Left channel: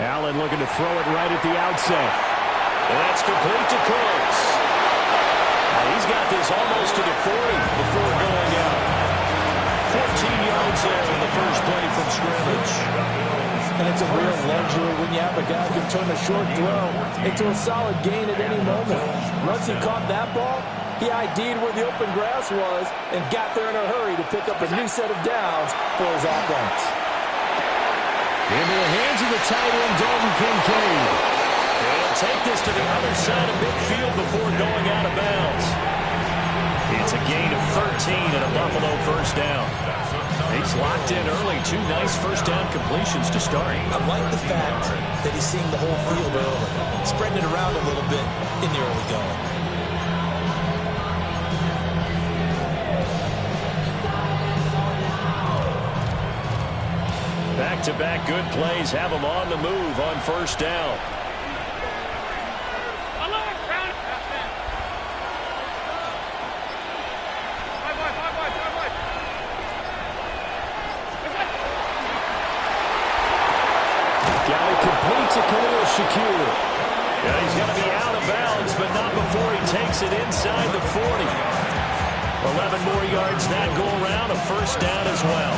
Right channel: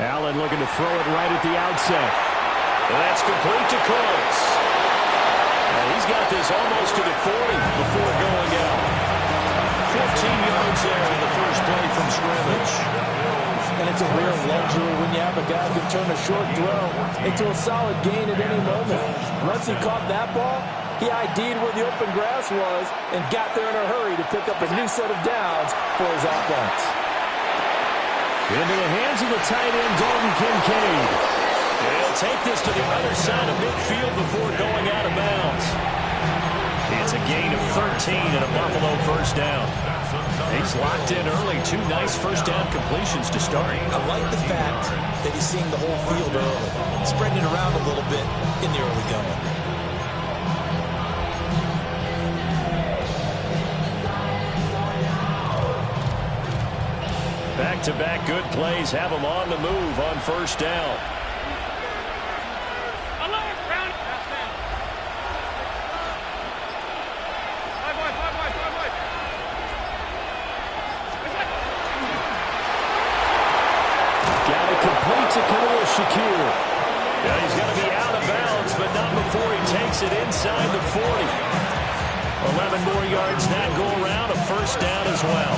Allen looking to throw it right at the outset. And that's complete to Cooks. And he's got this almost to the 40 before going out. 14 yards there in the first play from scrimmage. And it's a real luxury when you have a guy who can turn a short throw into a solid gain at any moment. Once he caught that ball, he ID'd where the open grass was and got there in a hurry to pick up a new set of downs for his offense. Into the hands of the tight end, Dalton Kincaid. He'll take this to the other side of midfield before going out of bounds. It's a gain of 13 and a Buffalo first down. He's locked in early. 2 nice first down completions to start. I like the fact that he's seeing the whole field early, spreading it around a little bit in the early going. Back-to-back good plays have him on the move on first down. Got it complete to Khalil Shakir. Yeah, he's going to be out of bounds, but not before he takes it inside the 40. 11 more yards that go around, a first down as well.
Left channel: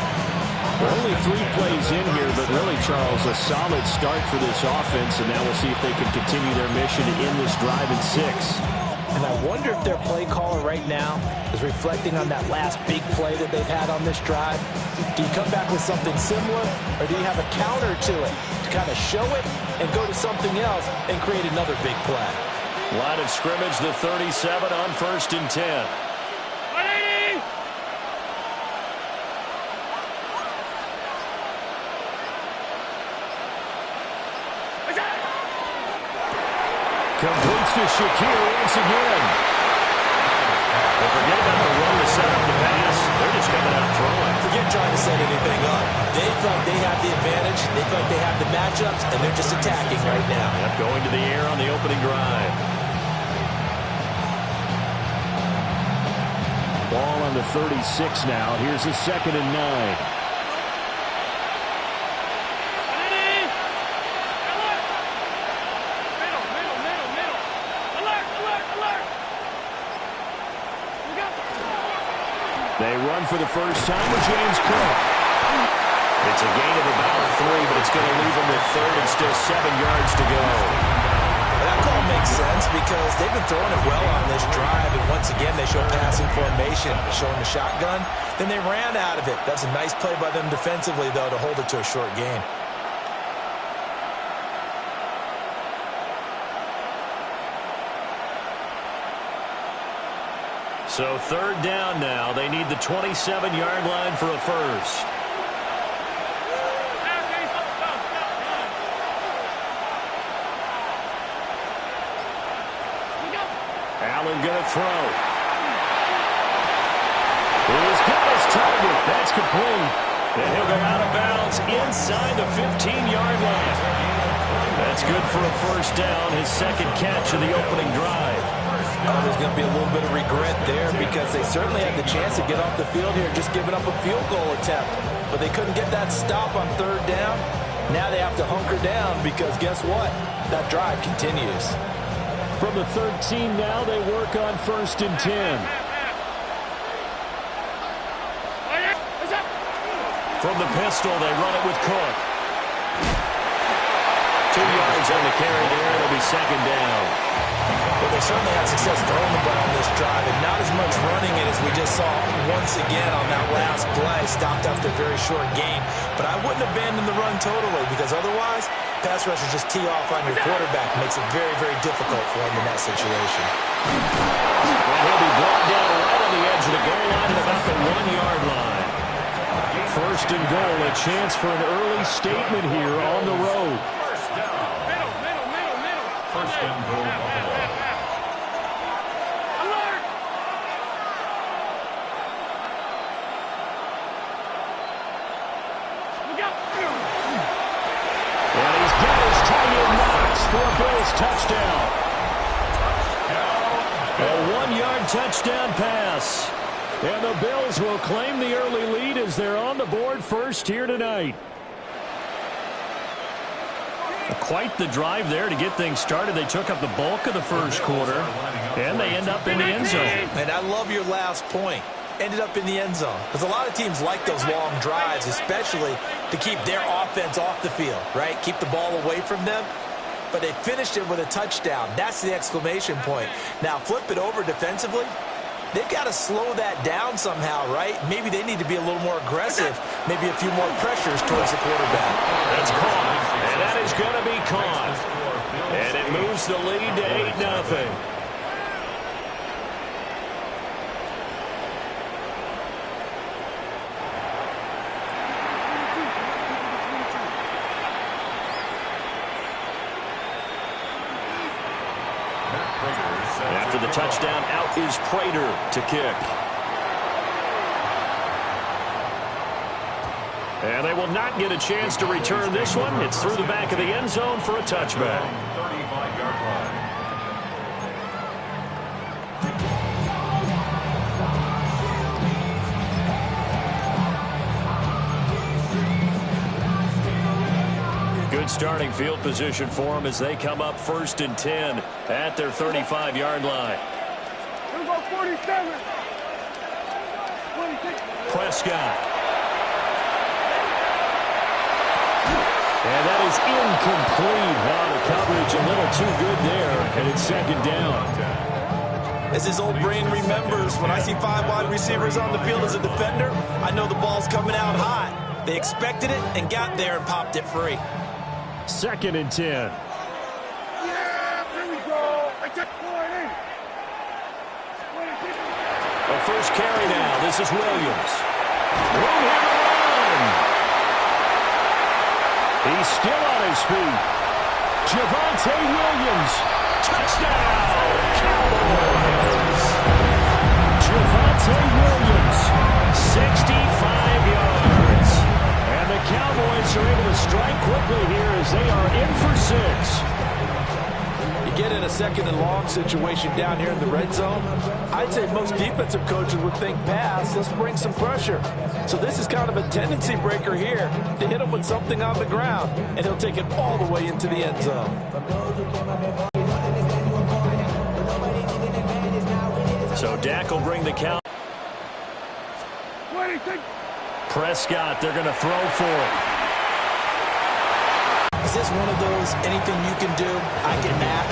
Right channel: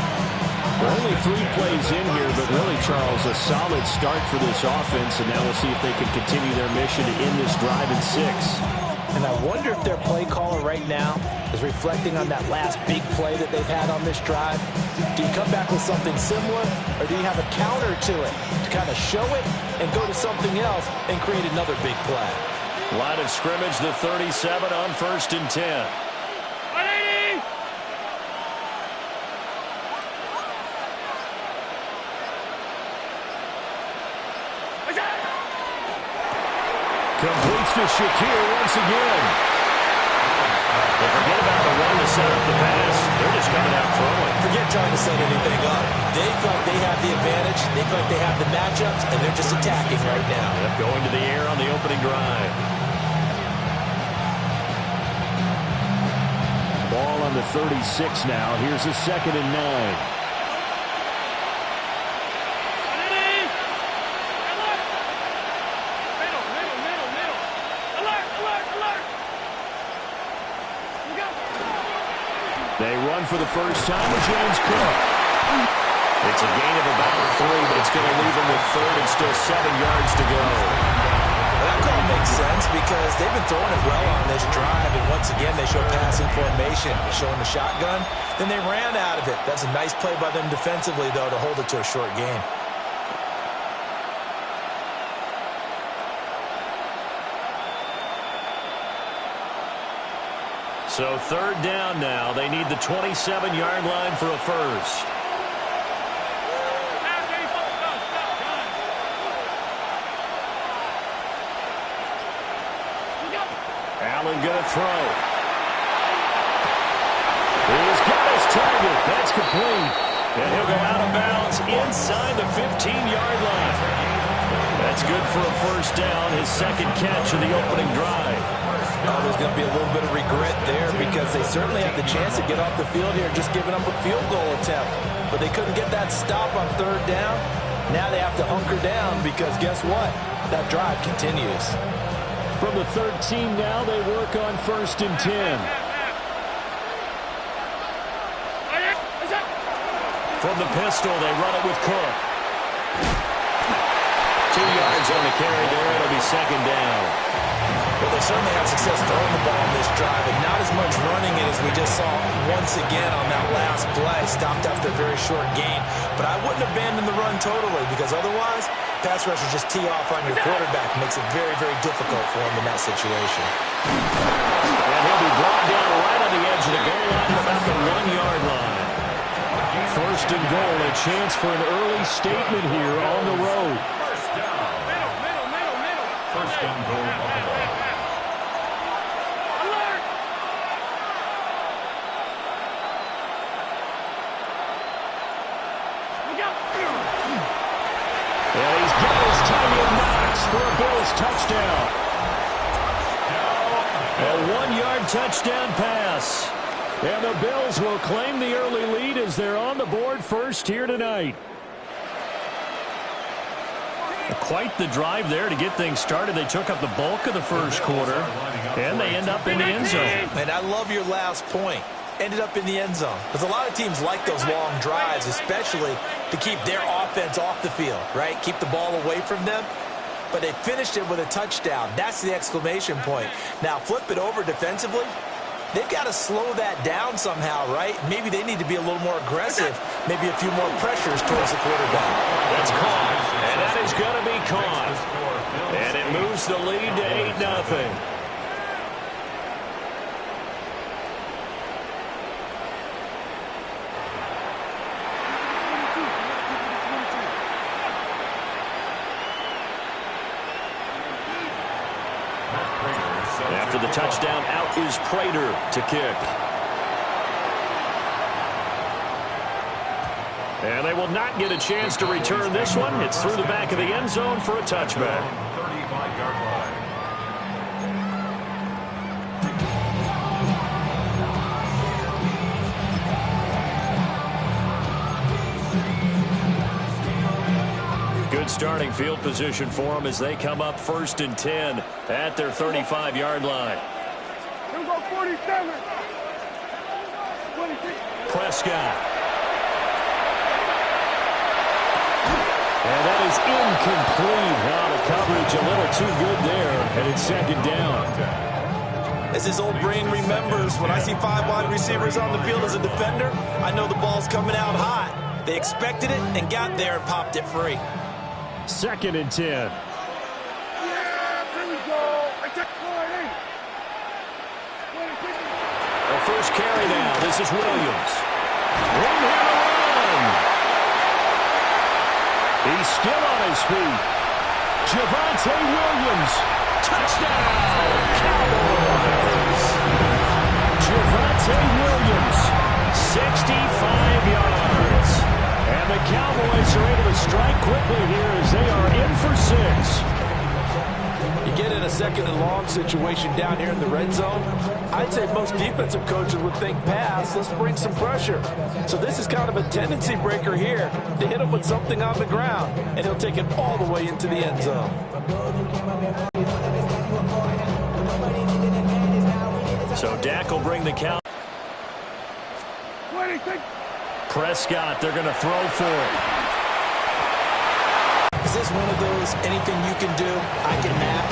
Only 3 plays in here, but really, Charles, a solid start for this offense, and now we'll see if they can continue their mission to end this drive in 6. And I wonder if their play caller right now is reflecting on that last big play that they've had on this drive. Do you come back with something similar, or do you have a counter to it to kind of show it and go to something else and create another big play? Line of scrimmage, the 37 on 1st and 10. Completes to Shakir once again. Well, forget about the run to set up the pass. They're just coming out throwing. Forget trying to set anything up. They feel like they have the advantage. They feel like they have the matchups, and they're just attacking right now. Yep, going to the air on the opening drive. Ball on the 36 now. Here's a 2nd and 9. They run for the first time with James Cook. It's a gain of about 3, but it's going to leave them with 3rd and still 7 yards to go. Well, that call makes sense because they've been throwing it well on this drive, and once again they show passing formation, showing the shotgun. Then they ran out of it. That's a nice play by them defensively, though, to hold it to a short gain. So 3rd down now. They need the 27-yard line for a first. Allen going to throw. He's got his target. That's complete. And he'll go out of bounds inside the 15-yard line. That's good for a first down, his 2nd catch of the opening drive. Oh, there's going to be a little bit of regret there because they certainly had the chance to get off the field here just giving up a field goal attempt. But they couldn't get that stop on 3rd down. Now they have to hunker down because guess what? That drive continues. From the 13 now, they work on 1st and 10. From the pistol, they run it with Cook. 2 yards on the carry there. It'll be 2nd down. Well, they certainly had success throwing the ball on this drive, and not as much running it as we just saw once again on that last play. Stopped after a very short gain. But I wouldn't abandon the run totally because otherwise, pass rushers just tee off on your quarterback. Makes it very, very difficult for him in that situation. And he'll be brought down right on the edge of the goal line at about the 1-yard line. 1st and goal, a chance for an early statement here on the road. First and goal, Buffalo. And he's got his tight end Knox for a Bills touchdown. A 1-yard touchdown pass. And the Bills will claim the early lead as they're on the board first here tonight. Quite the drive there to get things started. They took up the bulk of the first quarter, and they end up in the end zone. And I love your last point. Ended up in the end zone. Because a lot of teams like those long drives, especially to keep their offense off the field, right? Keep the ball away from them. But they finished it with a touchdown. That's the exclamation point. Now, flip it over defensively. They've got to slow that down somehow, right? Maybe they need to be a little more aggressive. Maybe a few more pressures towards the quarterback. That's caught. And that is going to be caught. And it moves the lead to 8-0. After the touchdown, out is Prater to kick. And they will not get a chance to return this one. It's through the back of the end zone for a touchback. 35-yard line. Good starting field position for them as they come up 1st and 10 at their 35-yard line. Here go 47. 26. Prescott. And that is incomplete. The coverage a little too good there, and it's 2nd down. As his old brain remembers, when I see 5 wide receivers on the field as a defender, I know the ball's coming out hot. They expected it and got there and popped it free. 2nd and 10. Yeah, here we go. I check 40. The first carry now. This is Williams. Room here to run. He's still on his feet. Javonte Williams. Touchdown, Cowboys. Javonte Williams, 65 yards. And the Cowboys are able to strike quickly here as they are in for 6. You get in a 2nd and long situation down here in the red zone, I'd say most defensive coaches would think pass, let's bring some pressure. So this is kind of a tendency breaker here to hit him with something on the ground, and he'll take it all the way into the end zone. So Dak will bring the count. 26. Prescott, they're going to throw for it. Is this one of those anything you can do, I can match?